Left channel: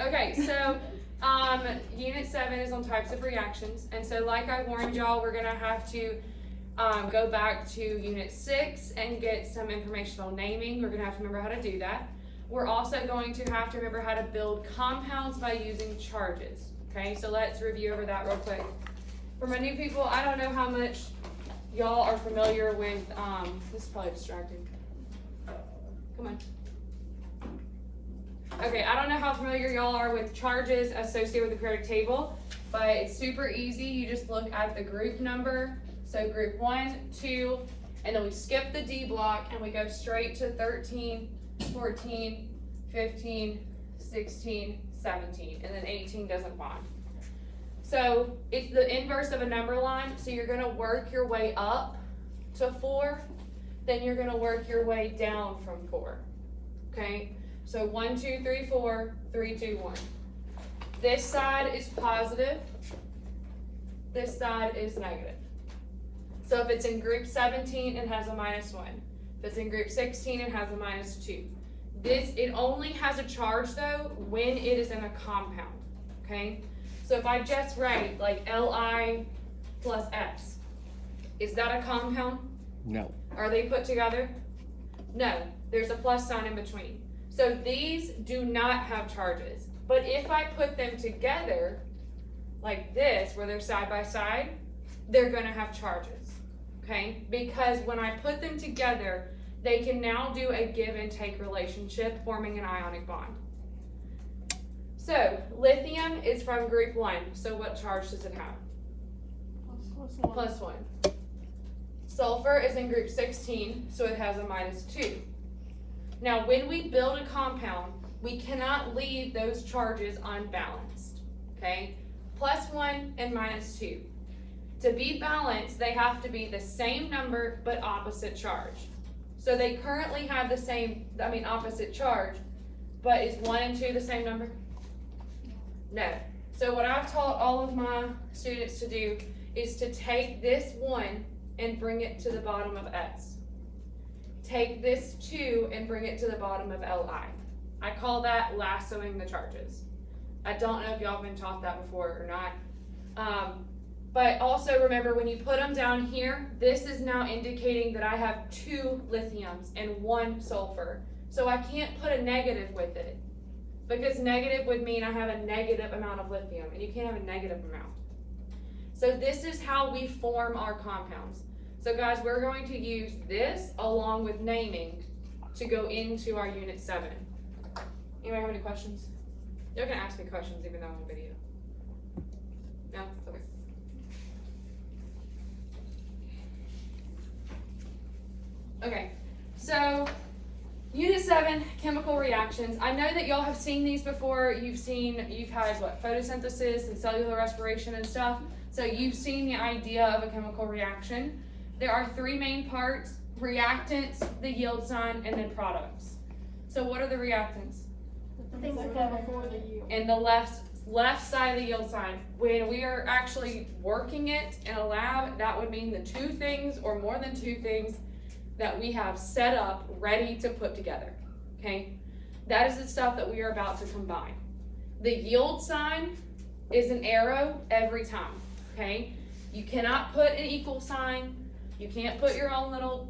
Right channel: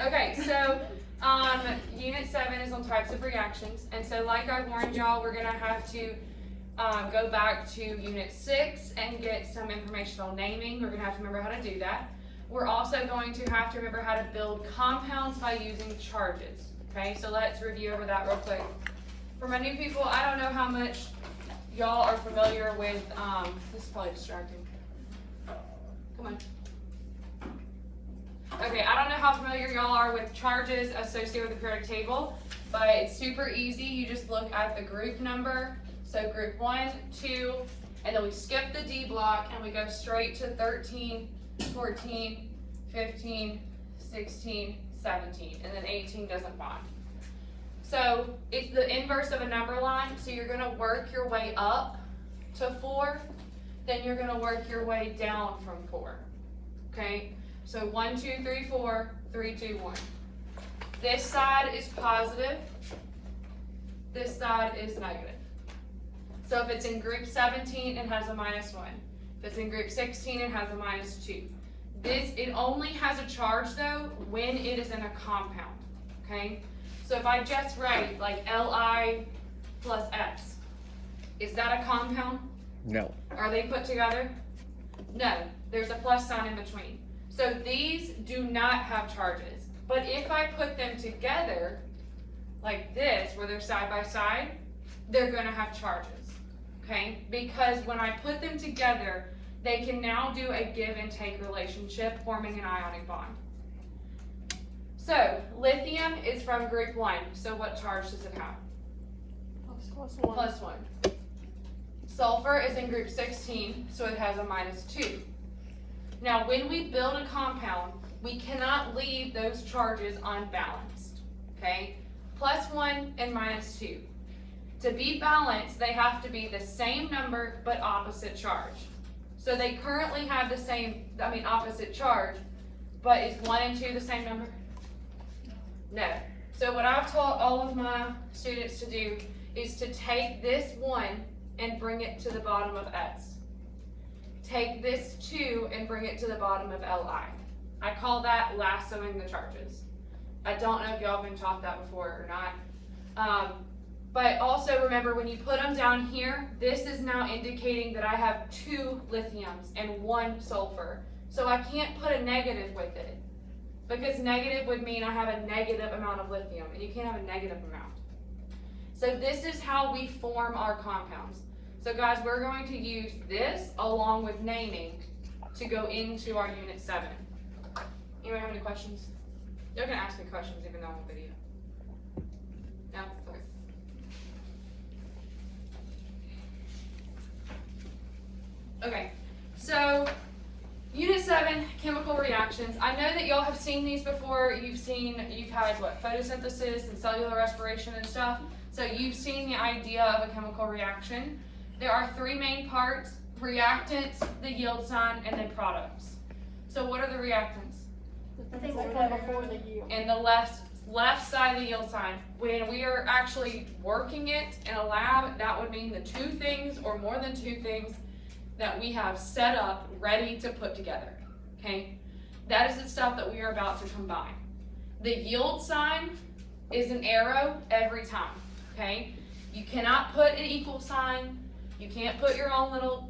Okay, so Unit 7 is on types of reactions, and so like I warned y'all, we're gonna have to go back to Unit 6 and get some information on naming. We're gonna have to remember how to do that. We're also going to have to remember how to build compounds by using charges. Okay, so let's review over that real quick. For my new people, I don't know how much y'all are familiar with, this is probably distracting. Come on. Okay, I don't know how familiar y'all are with charges associated with the periodic table, but it's super easy. You just look at the group number. So group 1, 2, and then we skip the D block and we go straight to 13, 14, 15, 16, 17, and then 18 doesn't bond. So it's the inverse of a number line, so you're gonna work your way up to 4, then you're gonna work your way down from 4, okay? So 1, 2, 3, 4, 3, 2, 1. This side is positive, this side is negative. So if it's in group 17, it has a -1. If it's in group 16, it has a -2. It only has a charge though when it is in a compound, okay? So if I just write like Li plus X, is that a compound? No. Are they put together? No, there's a plus sign in between. So these do not have charges. But if I put them together like this, where they're side by side, they're gonna have charges, okay? Because when I put them together, they can now do a give and take relationship, forming an ionic bond. So lithium is from group 1. So what charge does it have? Plus 1. Sulfur is in group 16, so it has a -2. Now, when we build a compound, we cannot leave those charges unbalanced, okay? +1 and -2. To be balanced, they have to be the same number, but opposite charge. So they currently have the same, opposite charge, but is 1 and 2 the same number? No. So what I've taught all of my students to do is to take this 1 and bring it to the bottom of X. Take this 2 and bring it to the bottom of Li. I call that lassoing the charges. I don't know if y'all have been taught that before or not. But also remember, when you put them down here, this is now indicating that I have 2 lithiums and 1 sulfur. So I can't put a negative with it, because negative would mean I have a negative amount of lithium, and you can't have a negative amount. So this is how we form our compounds. So guys, we're going to use this along with naming to go into our Unit 7. Anybody have any questions? They're gonna ask me questions even though I'm on video. No? Okay. Okay, so Unit 7, chemical reactions. I know that y'all have seen these before. You've had photosynthesis and cellular respiration and stuff. So you've seen the idea of a chemical reaction. There are 3 main parts: reactants, the yield sign, and then products. So what are the reactants? The things that come before the yield. In the left side of the yield sign. When we are actually working it in a lab, that would mean the 2 things or more than 2 things that we have set up ready to put together, okay? That is the stuff that we are about to combine. The yield sign is an arrow every time, okay? You cannot put an equal sign. You can't put your own little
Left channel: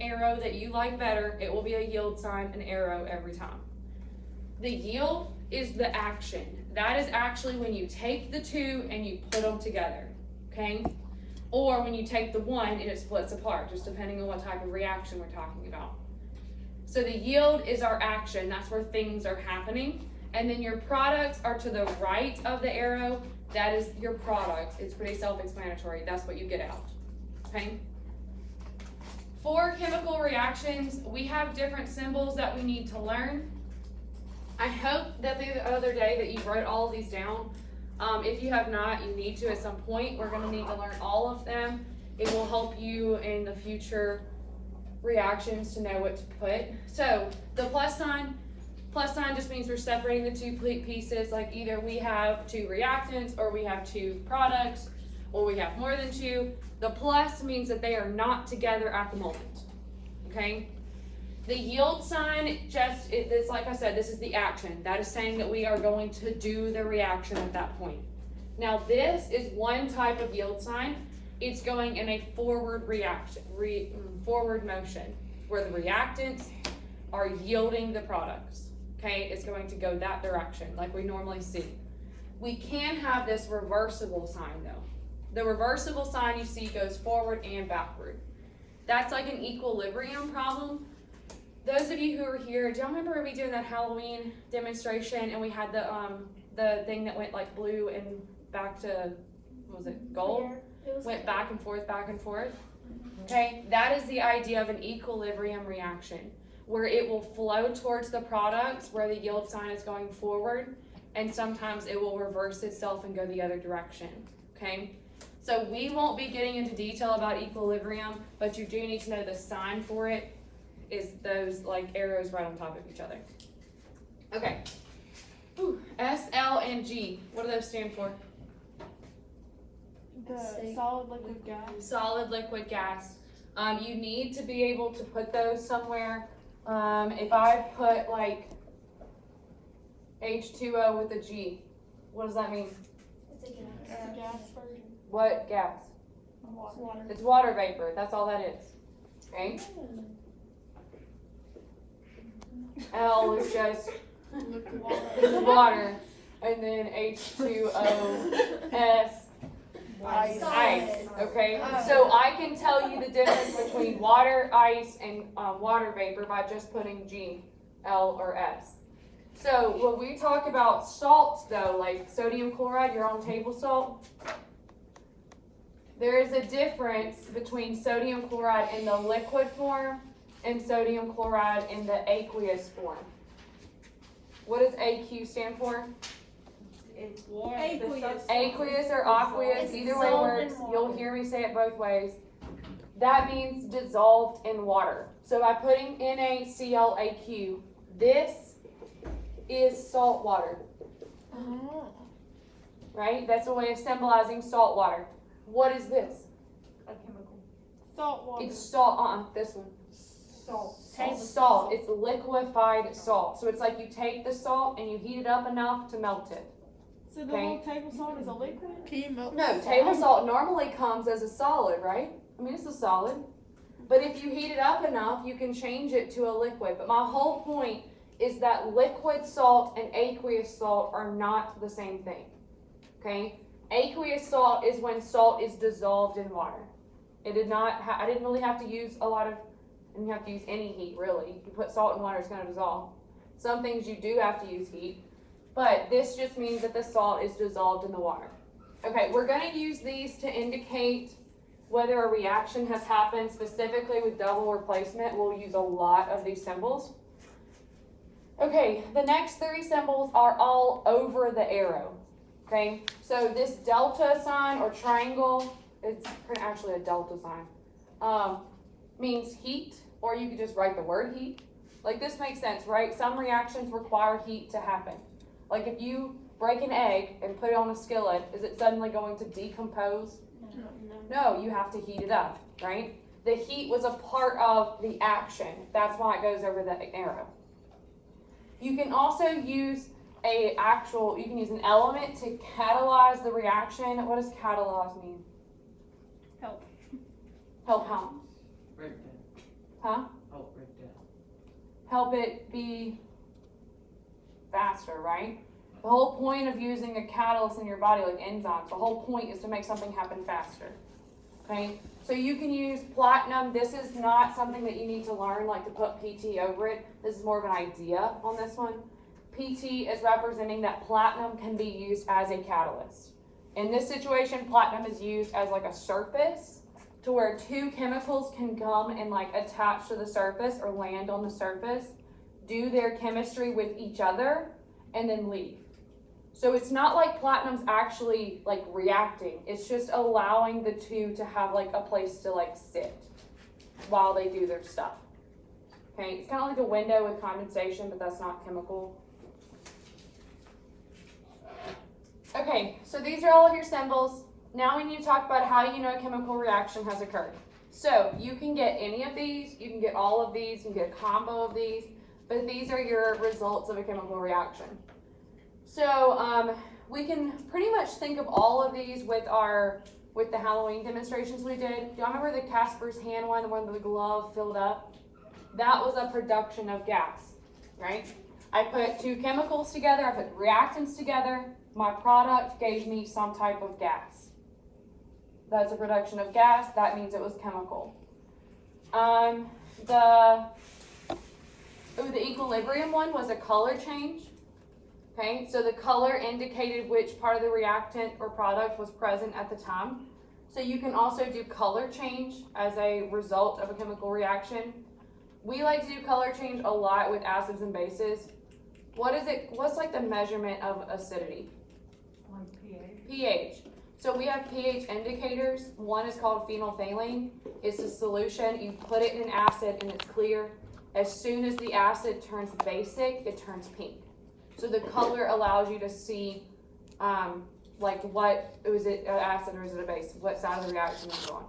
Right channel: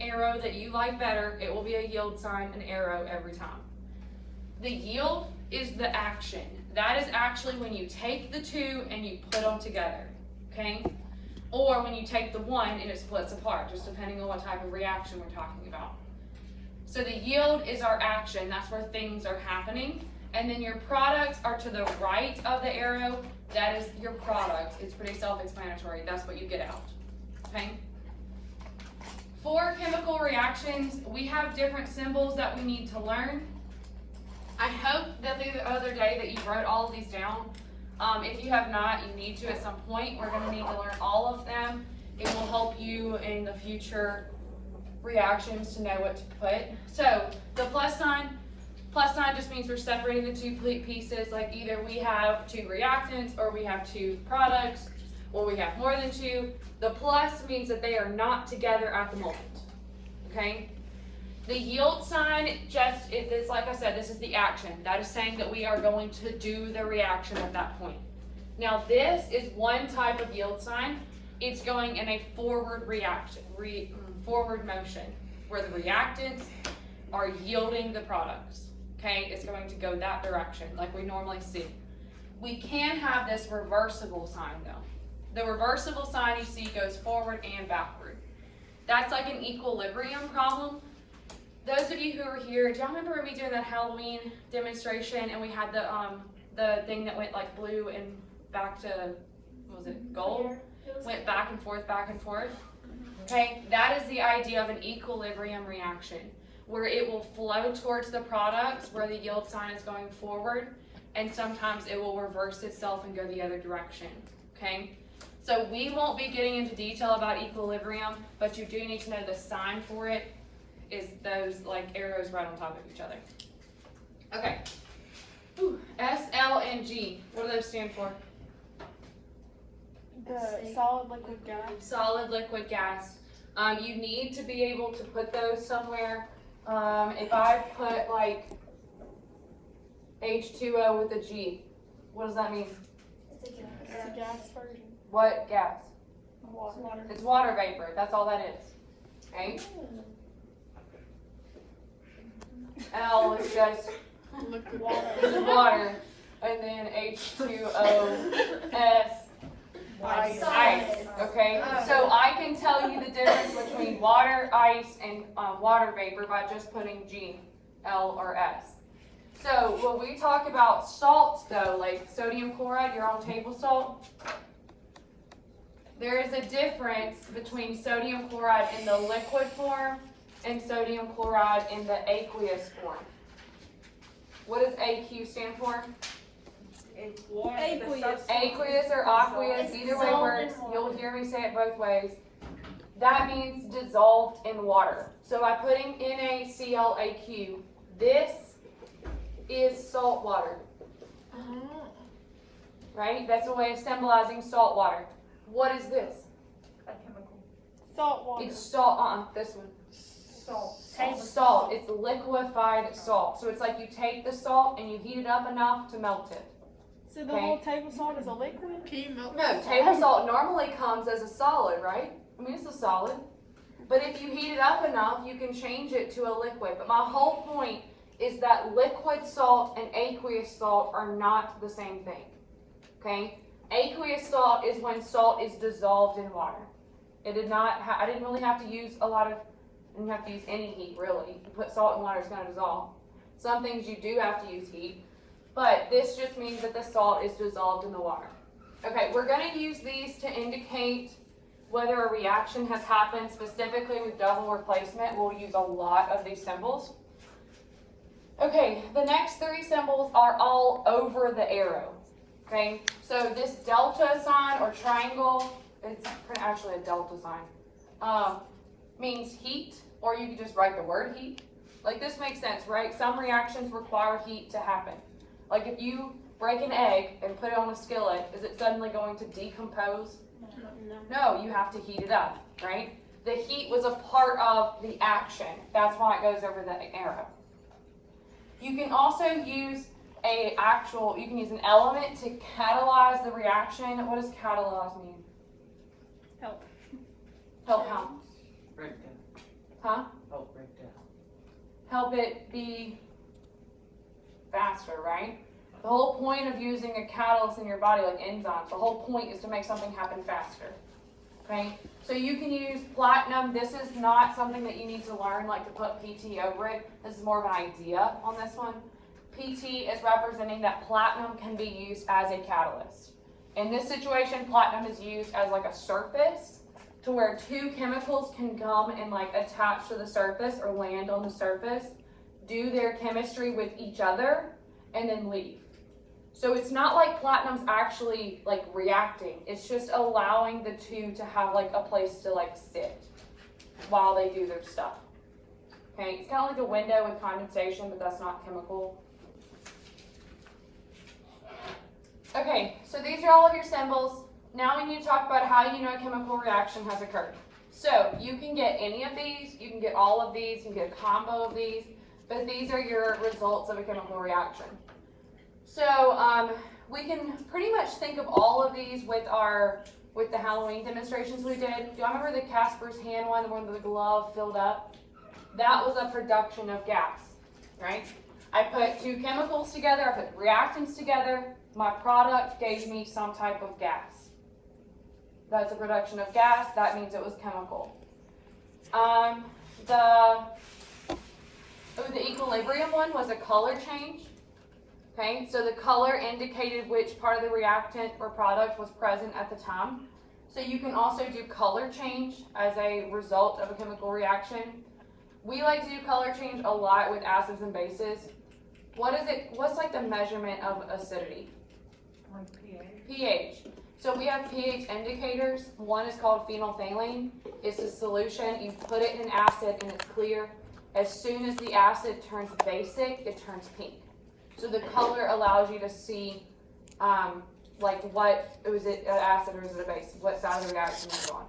arrow that you like better. It will be a yield sign, an arrow every time. The yield is the action. That is actually when you take the 2 and you put them together, okay? Or when you take the 1 and it splits apart, just depending on what type of reaction we're talking about. So the yield is our action. That's where things are happening. And then your products are to the right of the arrow. That is your product. It's pretty self-explanatory. That's what you get out, okay? For chemical reactions, we have different symbols that we need to learn. I hope that the other day that you wrote all of these down. If you have not, you need to at some point. We're going to need to learn all of them. It will help you in the future reactions to know what to put. So the plus sign just means we're separating the 2 pieces. Like either we have 2 reactants, or we have 2 products, or we have more than 2. The plus means that they are not together at the moment, okay? The yield sign it's like I said, this is the action. That is saying that we are going to do the reaction at that point. Now this is one type of yield sign. It's going in a forward forward motion where the reactants are yielding the products. Okay, it's going to go that direction like we normally see. We can have this reversible sign though. The reversible sign you see goes forward and backward. That's like an equilibrium problem. Those of you who were here, do y'all remember me doing that Halloween demonstration and we had the thing that went like blue and back to, what was it, gold? Went back and forth, back and forth. Okay, that is the idea of an equilibrium reaction, where it will flow towards the products where the yield sign is going forward, and sometimes it will reverse itself and go the other direction. Okay, so we won't be getting into detail about equilibrium, but you do need to know the sign for it is those like arrows right on top of each other. Okay, S, L, and G, what do those stand for? The solid, liquid, gas. Solid, liquid, gas. You need to be able to put those somewhere. If I put like H2O with a G, what does that mean? It's a gas version. What gas? Water. It's water vapor. That's all that is. Okay? L is just Liquid water. this is water. And then H2O, S, ice. Okay? So I can tell you the difference between water, ice, and water vapor by just putting G, L, or S. So when we talk about salts though, like sodium chloride, your own table salt, there is a difference between sodium chloride in the liquid form and sodium chloride in the aqueous form. What does AQ stand for? Aqueous. Aqueous or aqueous, It's either way dissolved works. in water. You'll hear me say it both ways. That means dissolved in water. So by putting NaClAq, this is salt water, right? That's a way of symbolizing salt water. What is this? A chemical. Salt water. It's salt, this one. Salt. It's salt, it's liquefied salt. So it's like you take the salt and you heat it up enough to melt it. So the whole table salt is a liquid? No, table salt normally comes as a solid, right? I mean, it's a solid. But if you heat it up enough, you can change it to a liquid. But my whole point is that liquid salt and aqueous salt are not the same thing. Okay? Aqueous salt is when salt is dissolved in water. It did not. I didn't really have to use I didn't have to use any heat really. You put salt in water, it's going to dissolve. Some things you do have to use heat, but this just means that the salt is dissolved in the water. Okay, we're going to use these to indicate whether a reaction has happened. Specifically with double replacement, we'll use a lot of these symbols. Okay, the next three symbols are all over the arrow. Okay, so this delta sign or triangle, it's actually a delta sign, means heat, or you could just write the word heat. Like this makes sense, right? Some reactions require heat to happen. Like if you break an egg and put it on a skillet, is it suddenly going to decompose? No, you have to heat it up, right? The heat was a part of the action. That's why it goes over the arrow. You can also use you can use an element to catalyze the reaction. What does catalyze mean? Help. Help how? Breakdown. Huh? Help breakdown. Help it be faster, right? The whole point of using a catalyst in your body, like enzymes, the whole point is to make something happen faster. Okay? So you can use platinum. This is not something that you need to learn, like to put PT over it. This is more of an idea on this one. PT is representing that platinum can be used as a catalyst. In this situation, platinum is used as like a surface to where two chemicals can come and like attach to the surface or land on the surface, do their chemistry with each other, and then leave. So it's not like platinum's actually like reacting. It's just allowing the two to have like a place to like sit while they do their stuff. Okay, it's kind of like a window with condensation, but that's not chemical. Okay, so these are all of your symbols. Now we need to talk about how you know a chemical reaction has occurred. So you can get any of these, you can get all of these, you can get a combo of these, but these are your results of a chemical reaction. So we can pretty much think of all of these with the Halloween demonstrations we did. Do y'all remember the Casper's hand one where the glove filled up? That was a production of gas, right? I put two chemicals together, I put reactants together, my product gave me some type of gas. That's a production of gas, that means it was chemical. The equilibrium one was a color change. Okay, so the color indicated which part of the reactant or product was present at the time. So you can also do color change as a result of a chemical reaction. We like to do color change a lot with acids and bases. What's like the measurement of acidity? Like pH. pH. So we have pH indicators. One is called phenolphthalein. It's a solution. You put it in an acid and it's clear. As soon as the acid turns basic, it turns pink. So the color allows you to see, was it an acid or is it a base? What side of the reaction is it on?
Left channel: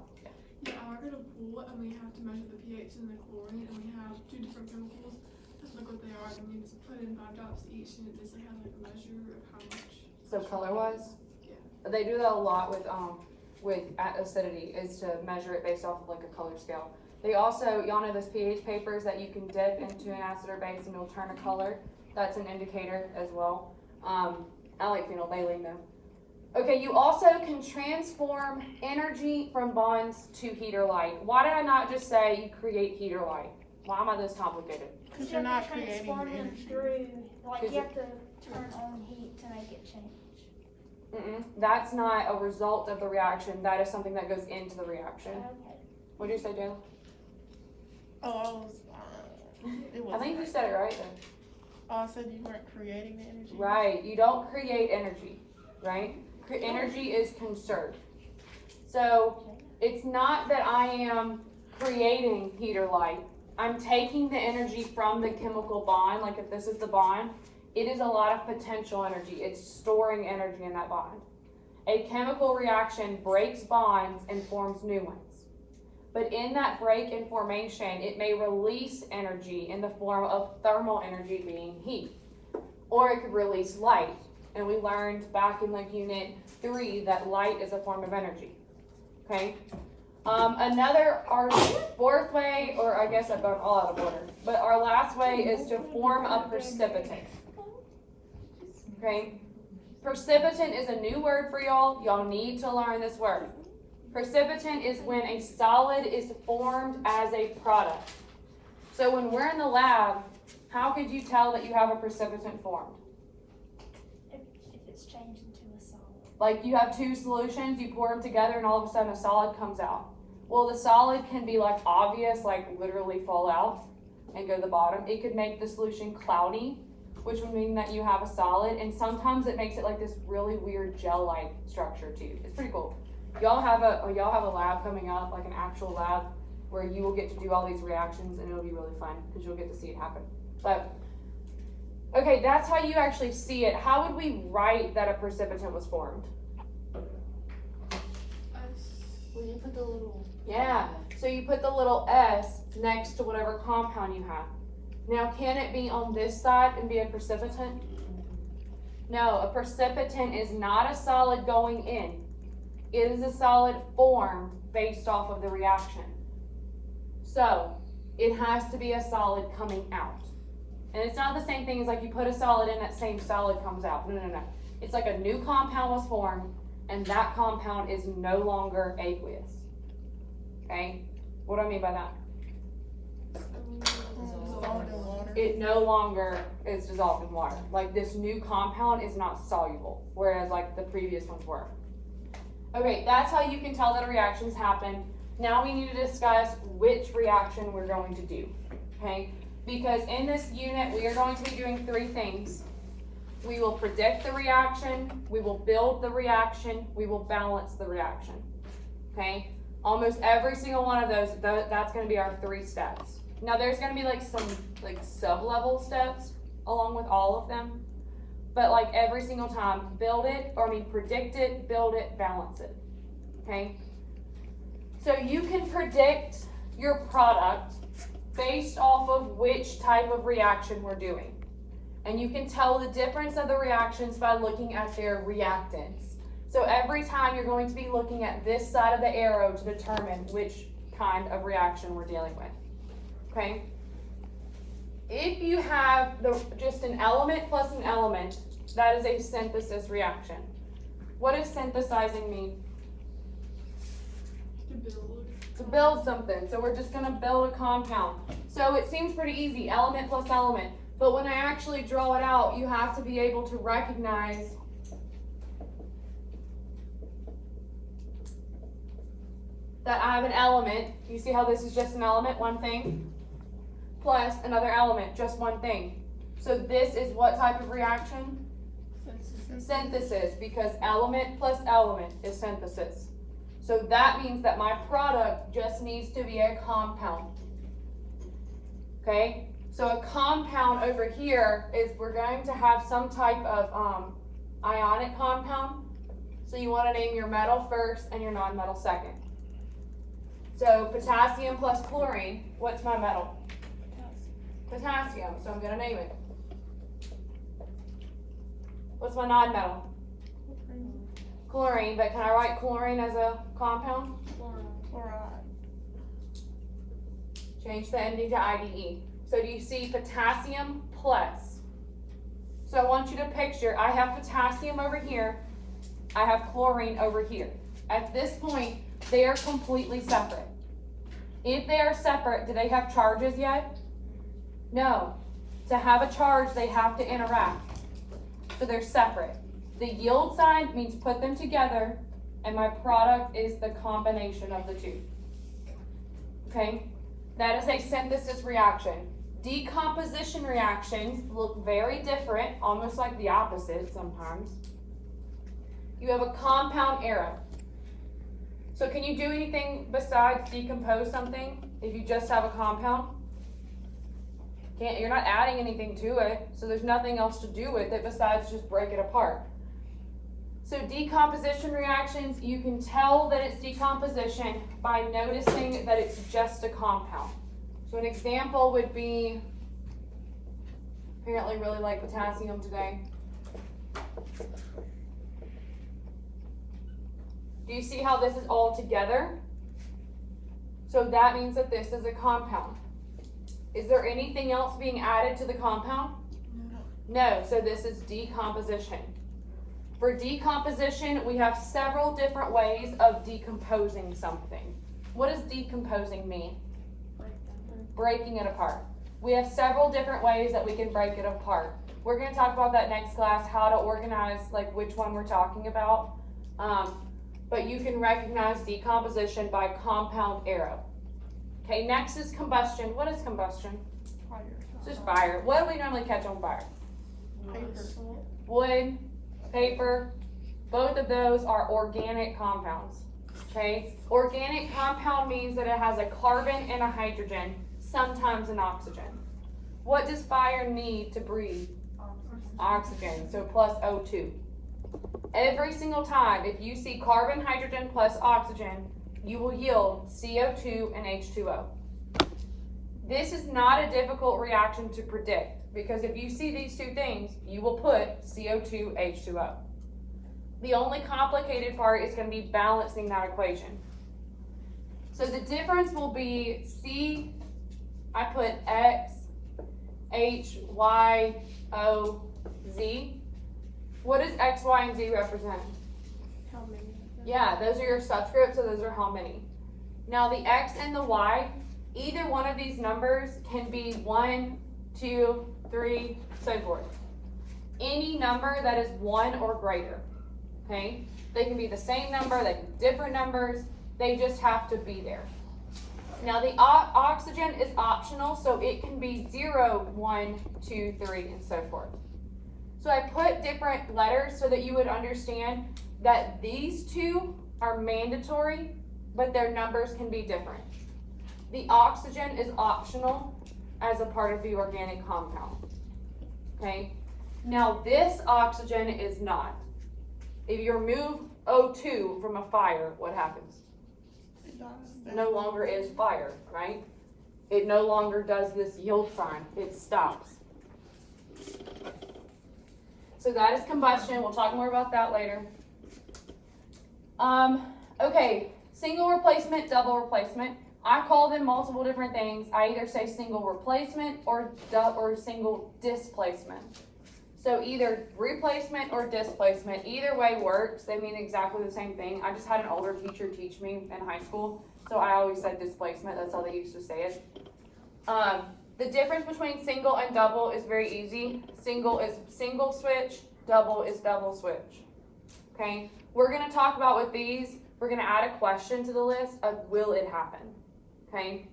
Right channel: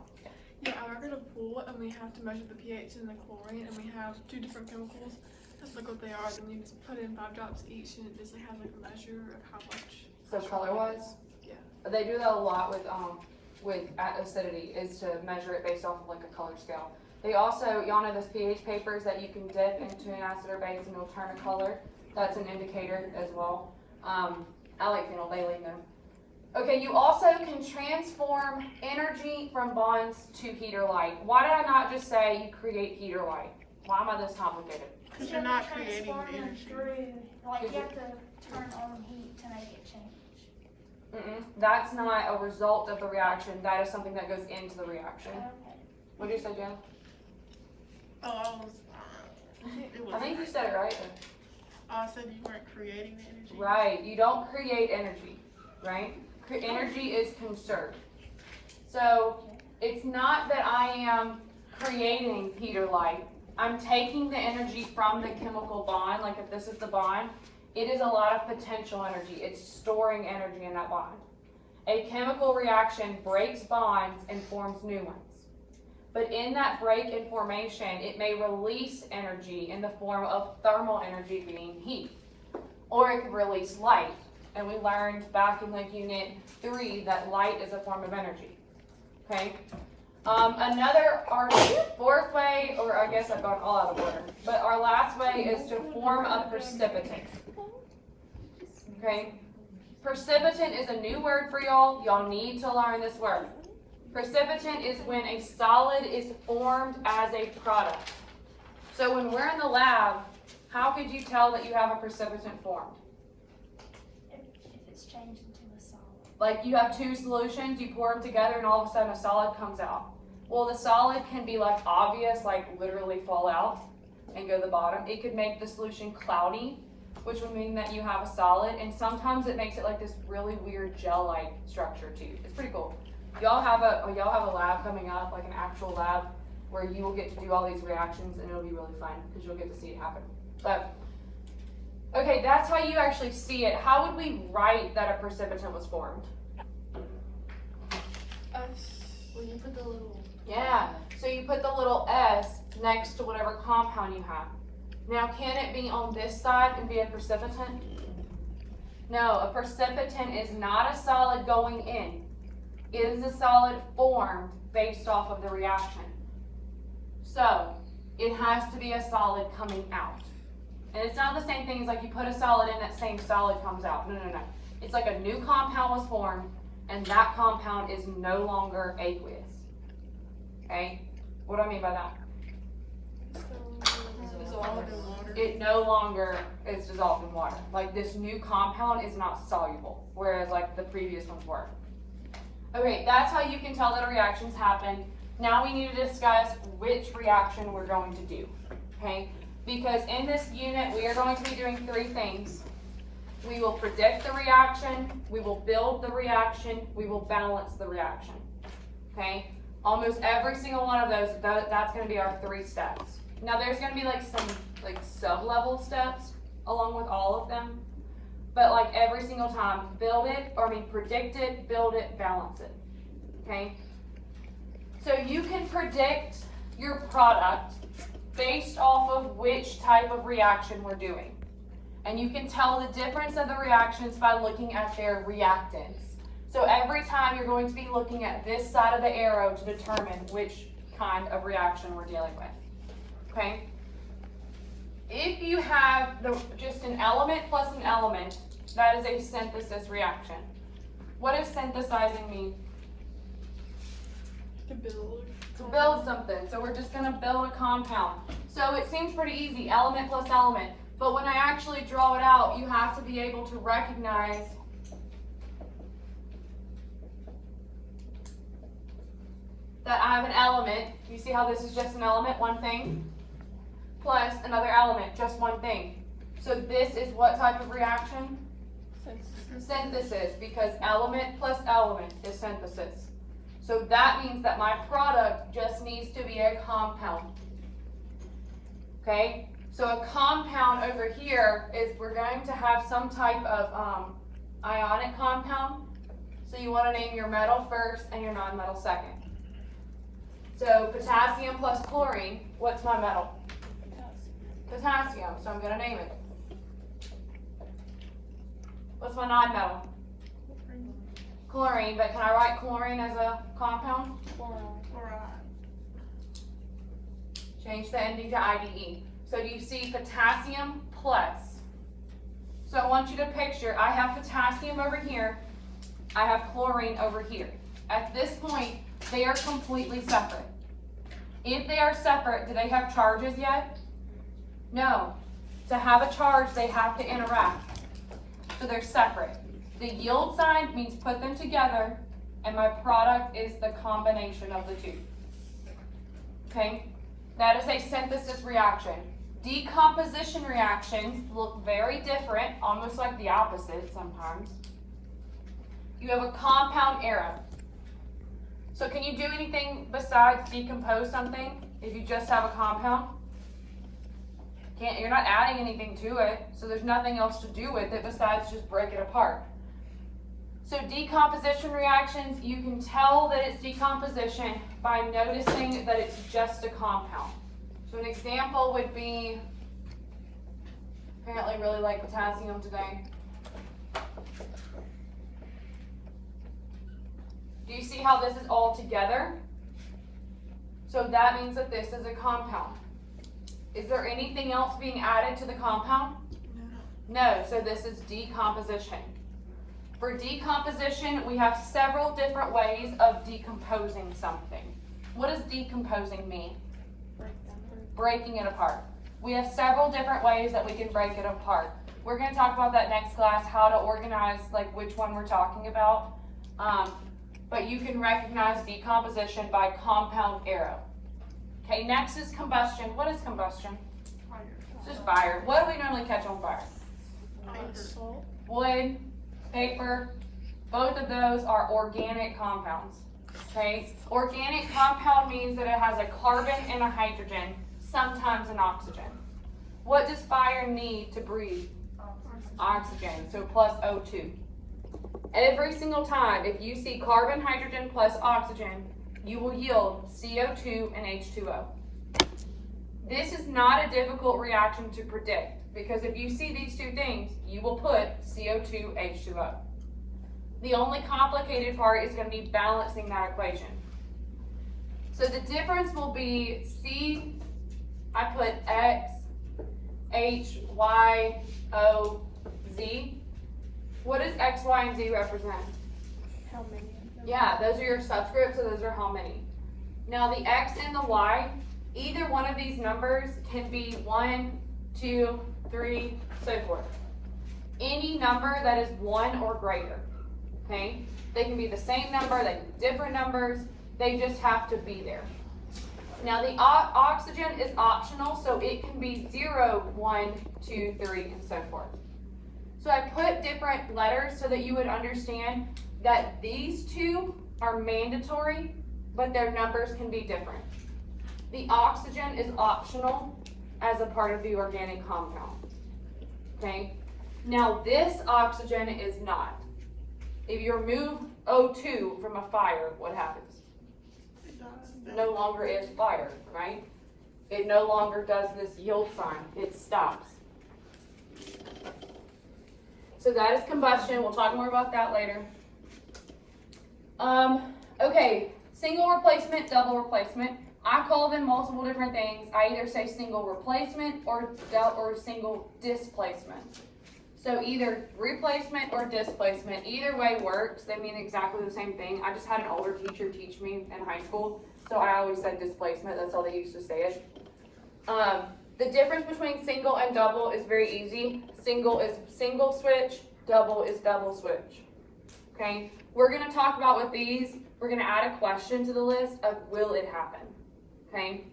Yeah, I'm going to pool and we have to measure the pH and the chlorine, and we have two different chemicals. Just look what they are, then you just put in 5 drops each, and it just has like a measure of how much. So color-wise? Yeah. They do that a lot with acidity, is to measure it based off of like a color scale. They also, y'all know those pH papers that you can dip into an acid or base and it'll turn a color. That's an indicator as well. I like phenolphthalein though. Okay, you also can transform energy from bonds to heat or light. Why did I not just say you create heat or light? Why am I this complicated? Because you're not creating the transforming energy. through, like Did you have to turn on heat to make it change. That's not a result of the reaction. That is something that goes into the reaction. Okay. What did you say, Jill? Oh, I think you said it right then. I said you weren't creating the energy. Right, you don't create energy, right? Energy is conserved. So it's not that I am creating heat or light. I'm taking the energy from the chemical bond, like if this is the bond, it is a lot of potential energy. It's storing energy in that bond. A chemical reaction breaks bonds and forms new ones. But in that break and formation, it may release energy in the form of thermal energy being heat. Or it could release light. And we learned back in like unit 3 that light is a form of energy. Okay? Our fourth way, or I guess I've gone all out of order, but our last way is to form a precipitant. Okay? Precipitant is a new word for y'all. Y'all need to learn this word. Precipitant is when a solid is formed as a product. So when we're in the lab, how could you tell that you have a precipitant formed? If it's changed into a solid. Like you have two solutions, you pour them together and all of a sudden a solid comes out. Well, the solid can be like obvious, like literally fall out and go to the bottom. It could make the solution cloudy, which would mean that you have a solid, and sometimes it makes it like this really weird gel-like structure too. It's pretty cool. Y'all have a lab coming up, like an actual lab, where you will get to do all these reactions and it'll be really fun because you'll get to see it happen. But okay, that's how you actually see it. How would we write that a precipitant was formed? When you put the little. Yeah, so you put the little S next to whatever compound you have. Now, can it be on this side and be a precipitant? No, a precipitant is not a solid going in. It is a solid formed based off of the reaction. So, it has to be a solid coming out. And it's not the same thing as like you put a solid in, that same solid comes out. No. It's like a new compound was formed, and that compound is no longer aqueous. Okay? What do I mean by that? Dissolved in water. It no longer is dissolved in water. Like this new compound is not soluble, whereas like the previous ones were. Okay, that's how you can tell that a reaction's happened. Now we need to discuss which reaction we're going to do, okay? Because in this unit, we are going to be doing 3 things. We will predict the reaction, we will build the reaction, we will balance the reaction, okay? Almost every single one of those, that's gonna be our 3 steps. Now there's gonna be like some like sub-level steps along with all of them. But like every single time, predict it, build it, balance it, okay? So you can predict your product based off of which type of reaction we're doing. And you can tell the difference of the reactions by looking at their reactants. So every time you're going to be looking at this side of the arrow to determine which kind of reaction we're dealing with. Okay? If you have just an element plus an element, that is a synthesis reaction. What does synthesizing mean? To build. To build something. So we're just going to build a compound. So it seems pretty easy, element plus element. But when I actually draw it out, you have to be able to recognize that I have an element. You see how this is just an element, one thing, plus another element, just one thing. So this is what type of reaction? Synthesis, because element plus element is synthesis. So that means that my product just needs to be a compound. Okay? So a compound over here is we're going to have some type of ionic compound. So you want to name your metal first and your non-metal second. So potassium plus chlorine, what's my metal? Potassium, so I'm going to name it. What's my non-metal? Chlorine, but can I write chlorine as a compound? Chloride. Change the ending to IDE. So do you see potassium plus? So I want you to picture, I have potassium over here, I have chlorine over here. At this point, they are completely separate. If they are separate, do they have charges yet? No. To have a charge, they have to interact. So they're separate. The yield sign means put them together, and my product is the combination of the two. Okay? That is a synthesis reaction. Decomposition reactions look very different, almost like the opposite sometimes. You have a compound arrow. So can you do anything besides decompose something if you just have a compound? You're not adding anything to it, so there's nothing else to do with it besides just break it apart. So decomposition reactions, you can tell that it's decomposition by noticing that it's just a compound. So an example would be, apparently really like potassium today. Do you see how this is all together? So that means that this is a compound. Is there anything else being added to the compound? No, so this is decomposition. For decomposition, we have several different ways of decomposing something. What does decomposing mean? Breaking it apart. We have several different ways that we can break it apart. We're going to talk about that next class, how to organize like which one we're talking about. But you can recognize decomposition by compound arrow. Okay, next is combustion. What is combustion? Fire. It's just fire. What do we normally catch on fire? Paper. Wood, paper, both of those are organic compounds. Okay? Organic compound means that it has a carbon and a hydrogen, sometimes an oxygen. What does fire need to breathe? Oxygen, so plus O2. Every single time, if you see carbon, hydrogen plus oxygen, you will yield CO2 and H2O. This is not a difficult reaction to predict because if you see these two things, you will put CO2, H2O. The only complicated part is going to be balancing that equation. So the difference will be C, I put X, H, Y, O, Z. What does X, Y, and Z represent? How many? Yeah, those are your subscripts, so those are how many. Now the X and the Y, either one of these numbers can be 1, 2, 3, so forth. Any number that is 1 or greater, okay? They can be the same number, they can be different numbers, they just have to be there. Now the oxygen is optional, so it can be 0, 1, 2, 3, and so forth. So I put different letters so that you would understand that these two are mandatory, but their numbers can be different. The oxygen is optional as a part of the organic compound. Okay? Now this oxygen is not. If you remove O2 from a fire, what happens? no longer is fire, right? It no longer does this yield sign. It stops. So that is combustion. We'll talk more about that later. Okay, single replacement, double replacement. I call them multiple different things. I either say single replacement or single displacement. So either replacement or displacement, either way works. They mean exactly the same thing. I just had an older teacher teach me in high school, so I always said displacement. That's how they used to say it. The difference between single and double is very easy. Single is single switch, double is double switch. Okay? We're going to talk about with these, we're going to add a question to the list of will it happen. Okay?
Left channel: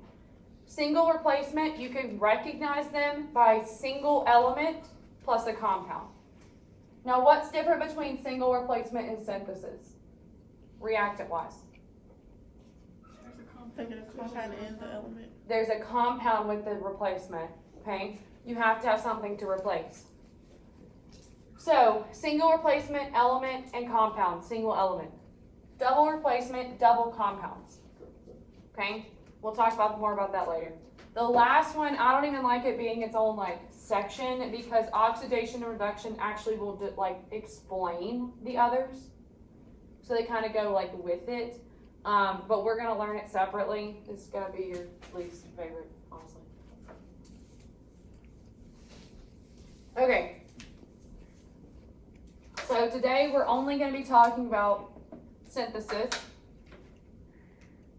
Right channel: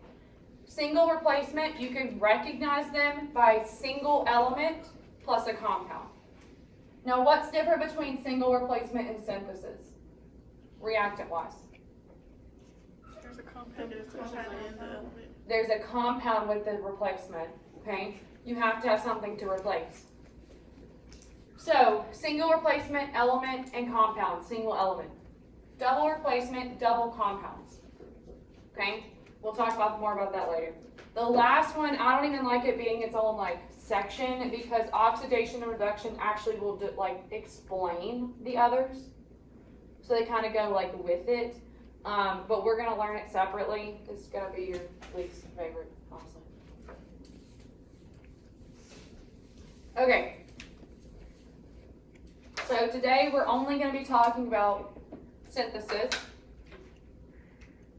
Single replacement, you can recognize them by single element plus a compound. Now, what's different between single replacement and synthesis? Reactant-wise. There's a compound in the element. There's a compound with the replacement, okay? You have to have something to replace. So, single replacement, element, and compound, single element. Double replacement, double compounds, okay? We'll talk more about that later. The last one, I don't even like it being its own section because oxidation and reduction actually will explain the others. So they kind of go with it. But we're going to learn it separately. It's going to be your least favorite, honestly. Okay. So today we're only going to be talking about synthesis.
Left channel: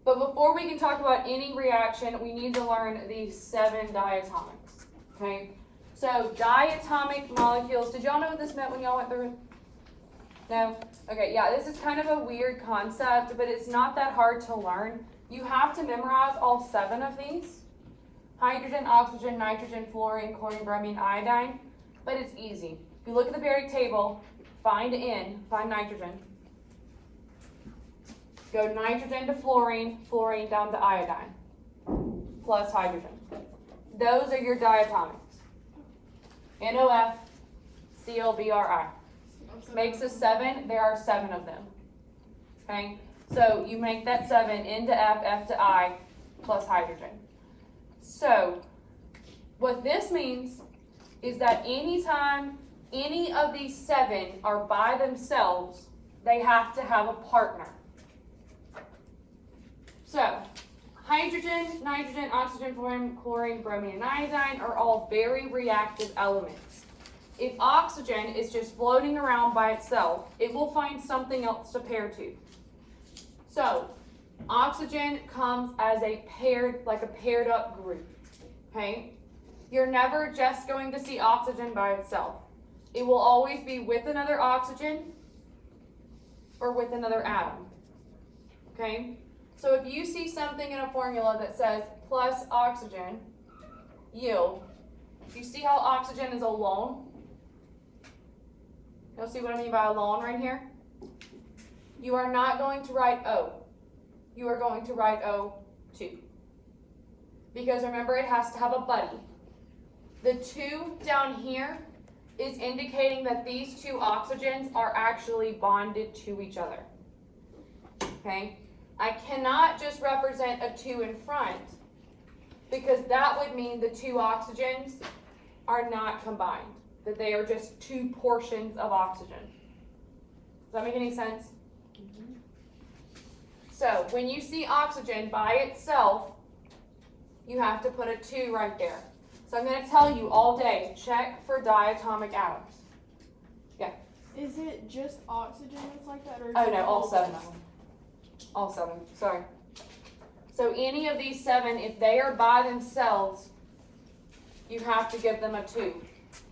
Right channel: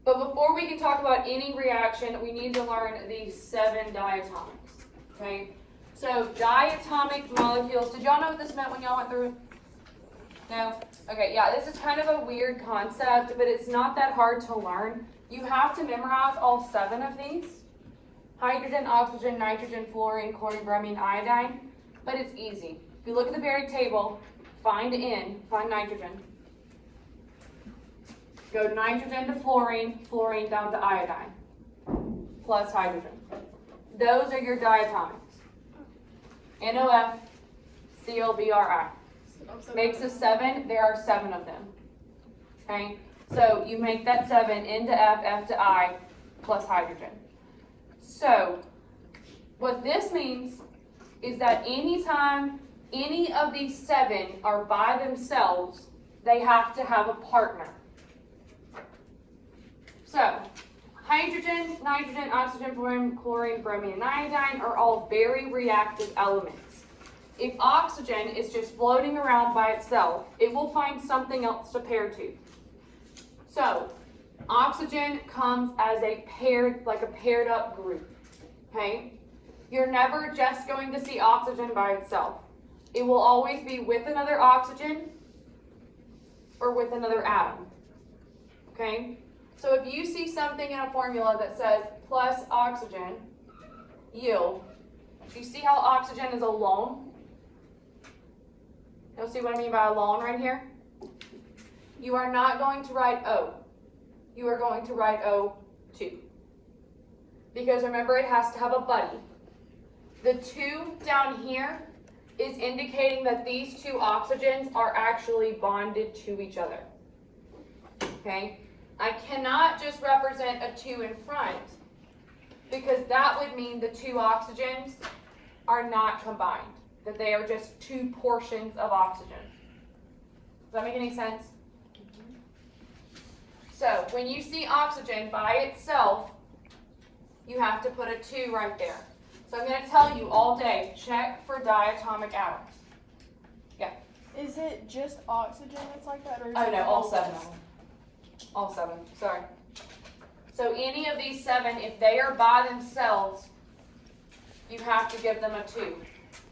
But before we can talk about any reaction, we need to learn these 7 diatomics. Okay? So diatomic molecules, did y'all know what this meant when y'all went through it? No? Okay, yeah, this is kind of a weird concept, but it's not that hard to learn. You have to memorize all 7 of these. Hydrogen, oxygen, nitrogen, fluorine, chlorine, bromine, iodine. But it's easy. If you look at the periodic table, find nitrogen. Go nitrogen to fluorine, fluorine down to iodine, plus hydrogen. Those are your diatomics. NOF, ClBrI. Makes a 7, there are 7 of them. Okay? So you make that 7, N to F, F to I, plus hydrogen. So, what this means is that anytime any of these 7 are by themselves, they have to have a partner. So, hydrogen, nitrogen, oxygen, fluorine, chlorine, bromine, and iodine are all very reactive elements. If oxygen is just floating around by itself, it will find something else to pair to. So, oxygen comes as a paired up group. Okay? You're never just going to see oxygen by itself. It will always be with another oxygen or with another atom. Okay? So if you see something in a formula that says plus oxygen yield, you see how oxygen is alone? You'll see what I mean by alone right here? You are not going to write O. You are going to write O2. Because remember, it has to have a buddy. The 2 down here is indicating that these 2 oxygens are actually bonded to each other. Okay? I cannot just represent a 2 in front because that would mean the 2 oxygens are not combined. That they are just 2 portions of oxygen. Does that make any sense? Mm-hmm. So, when you see oxygen by itself, you have to put a 2 right there. So I'm going to tell you all day, check for diatomic atoms. Yeah. Is it just oxygen that's like that? Or is Oh it no, all all 7 of them. All 7, sorry. So any of these 7, if they are by themselves, you have to give them a 2.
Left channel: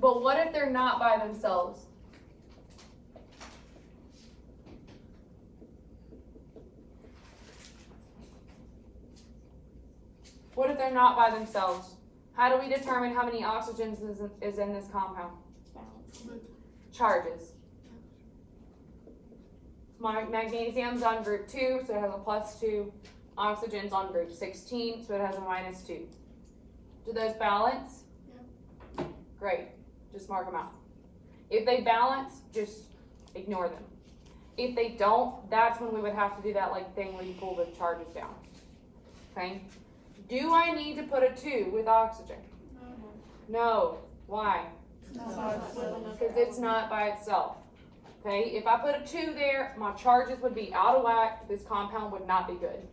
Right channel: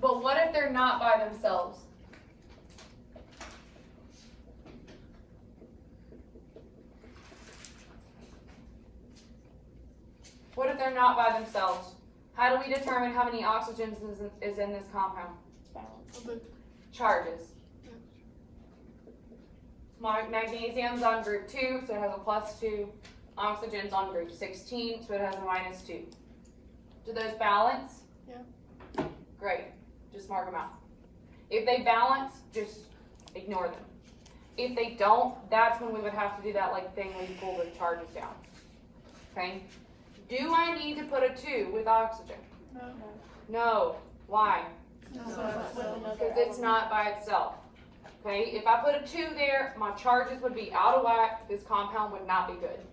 But what if they're not by themselves? What if they're not by themselves? How do we determine how many oxygens is in this compound? Charges. Magnesium's on group 2, so it has a +2. Oxygen's on group 16, so it has a -2. Do those balance? Yeah. Great. Just mark them out. If they balance, just ignore them. If they don't, that's when we would have to do that like thing where you pull the charges down. Okay? Do I need to put a 2 with oxygen? No. Why? Because it's not by itself. Okay? If I put a 2 there, my charges would be out of whack. This compound would not be good.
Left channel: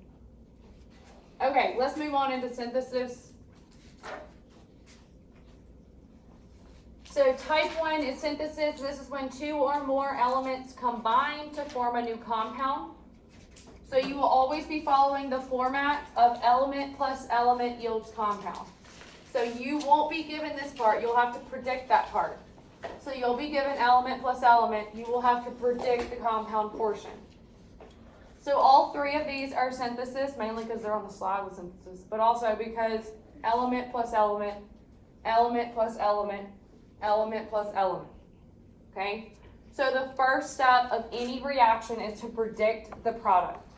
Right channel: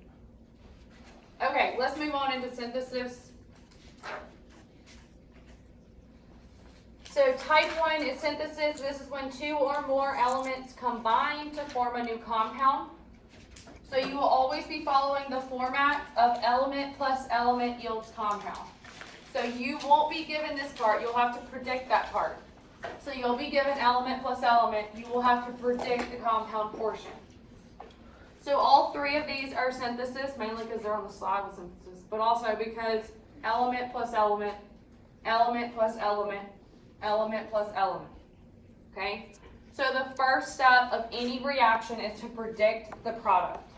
Okay, let's move on into synthesis. So type 1 is synthesis. This is when 2 or more elements combine to form a new compound. So you will always be following the format of element plus element yields compound. So you won't be given this part. You'll have to predict that part. So you'll be given element plus element. You will have to predict the compound portion. So all 3 of these are synthesis, mainly because they're on the slide with synthesis, but also because element plus element, element plus element, element plus element. Okay? So the first step of any reaction is to predict the product.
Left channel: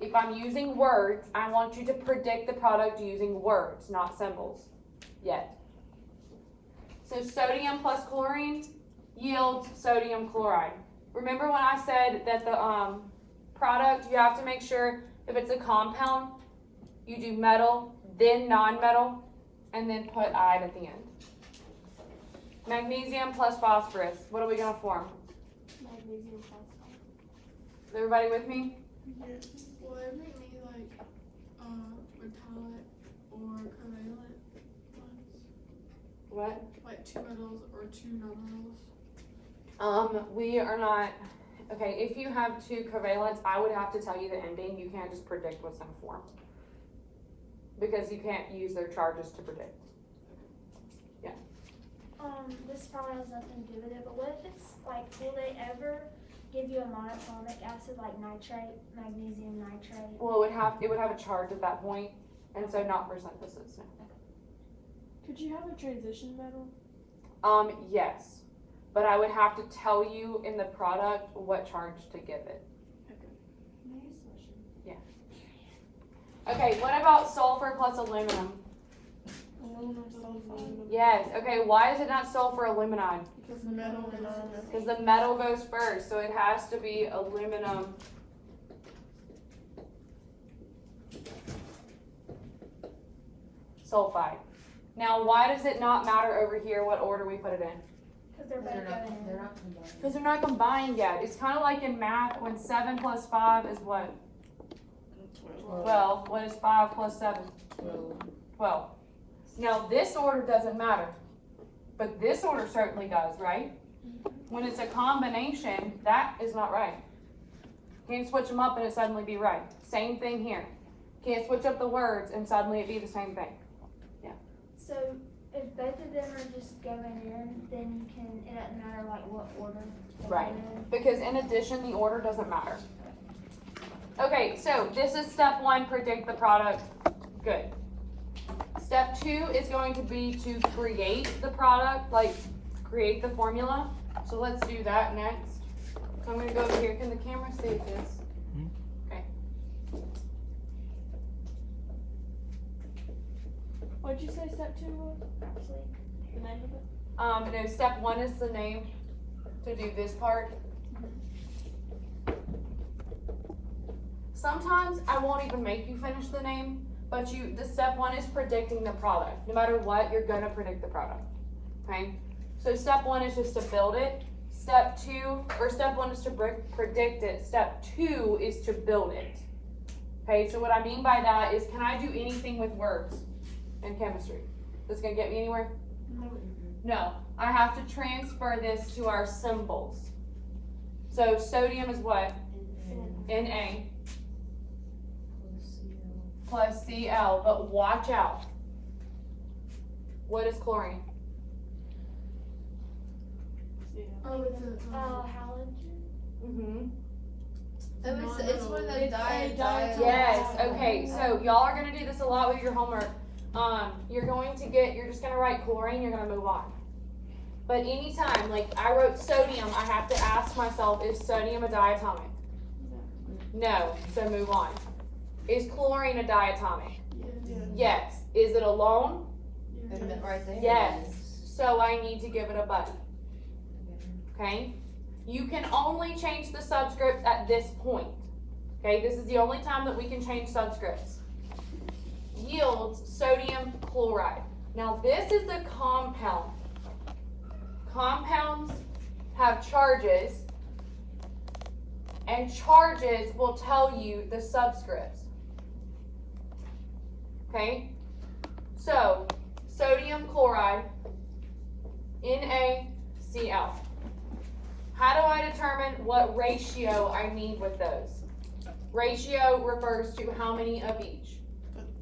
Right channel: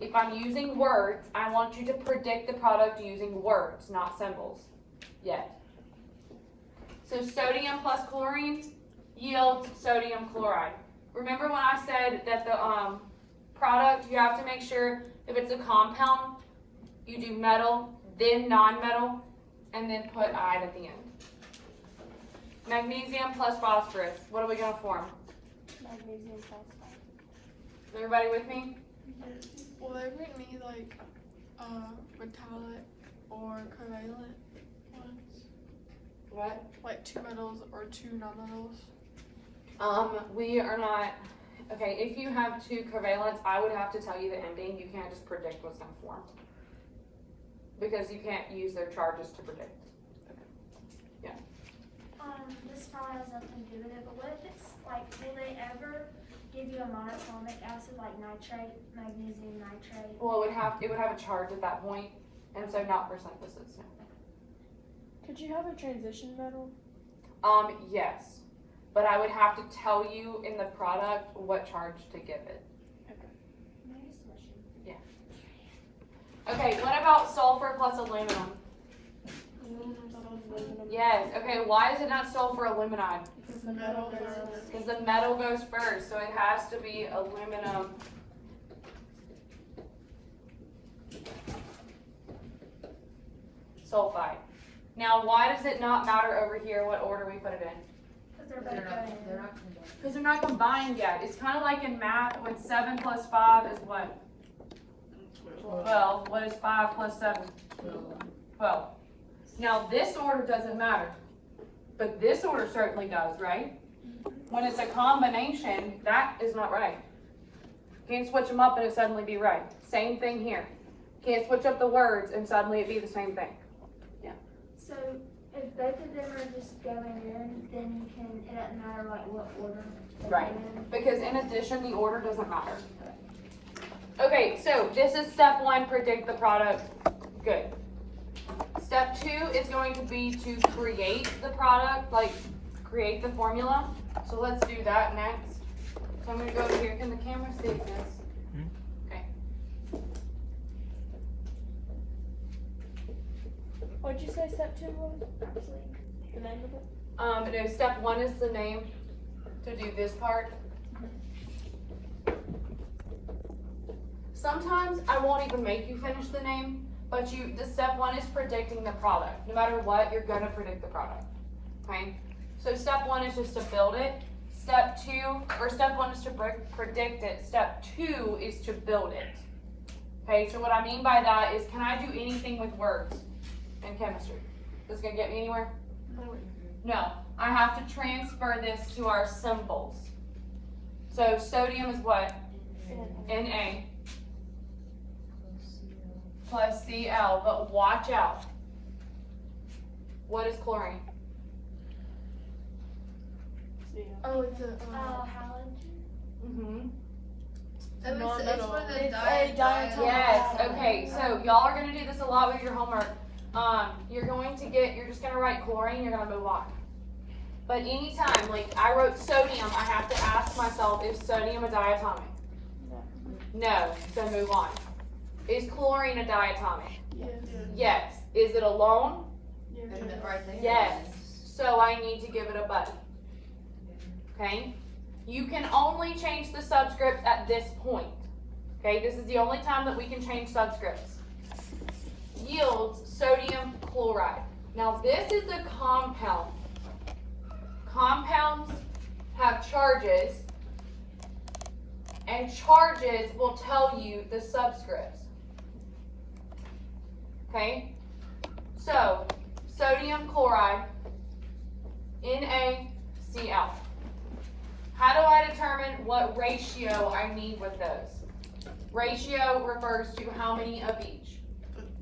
If I'm using words, I want you to predict the product using words, not symbols, yet. So sodium plus chlorine yields sodium chloride. Remember when I said that the product, you have to make sure if it's a compound, you do metal, then non-metal, and then put iod at the end. Magnesium plus phosphorus. What are we going to form? Magnesium phosphide. Is everybody with me? Will there be any like metallic or covalent ones? What? Like 2 metals or 2 non-metals? We are not. Okay, if you have 2 covalents, I would have to tell you the ending. You can't just predict what's going to form. Because you can't use their charges to predict. This probably has nothing to do with it, but what if it's like, will they ever give you a monatomic acid like nitrate, magnesium nitrate? Well, it would have a charge at that point, and so not for synthesis. No. Could you have a transition metal? Yes, but I would have to tell you in the product what charge to give it. Okay, what about sulfur plus aluminum? Yes. Okay, why is it not sulfur aluminide? Because the metal goes Because the metal goes first, so it has to be aluminum. Sulfide. Now, why does it not matter over here what order we put it in? Because they're both going in. Because they're not combined yet. It's kind of like in math when 7 plus 5 is what? 12. What is 5 plus 7? 12. Now, this order doesn't matter. But this order certainly does, right? When it's a combination, that is not right. Can't switch them up and it suddenly be right. Same thing here. Can't switch up the words and suddenly it be the same thing. So if both of them are just going in, then it doesn't matter like what order. they Right. go in. Because in addition, the order doesn't matter. Okay, so this is step 1, predict the product. Good. Step 2 is going to be to create the product, like create the formula. So let's do that next. So I'm going to go over here. Can the camera see this? Okay. What'd you say step 2 was? The name of it? No, step 1 is the name to do this part. Sometimes I won't even make you finish the name, but the step 1 is predicting the product. No matter what, you're gonna predict the product. Okay? So step 1 is just to build it. Step 1 is to predict it. Step 2 is to build it. Okay, so what I mean by that is, can I do anything with words in chemistry? That's gonna get me anywhere? No. I have to transfer this to our symbols. So sodium is what? Na plus Cl, but watch out. What is chlorine? Oh, it's a halogen. Mm-hmm. It's one of the It's a diatomic. diatomic. Yes, okay, so y'all are gonna do this a lot with your homework. You're just gonna write chlorine, you're gonna move on. But anytime, like I wrote sodium, I have to ask myself, is sodium a diatomic? No, so move on. Is chlorine a diatomic? Yes. Is it alone? Right there. Yes. So I need to give it a button. Okay? You can only change the subscripts at this point. Okay, this is the only time that we can change subscripts. Yields sodium chloride. Now this is a compound. Compounds have charges, and charges will tell you the subscripts. Okay, so sodium chloride, NaCl. How do I determine what ratio I need with those? Ratio refers to how many of each.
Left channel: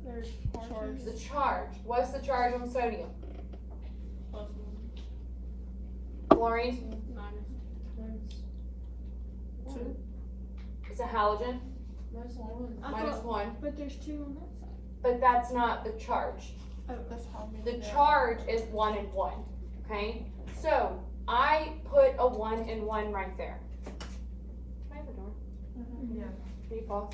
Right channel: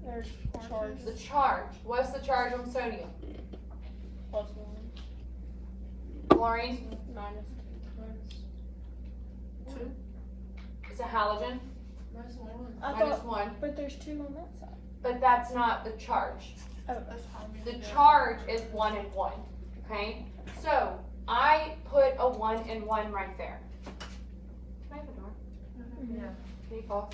There's charge The charge. What's the charge on sodium? +1, Chlorine minus. is a halogen, I minus thought, 1. but there's 2 on that side. But that's not the charge. That's how we. The charge is 1 and 1. Okay? So I put a 1 and 1 right there. Can I have a door? Yeah. Can you pause?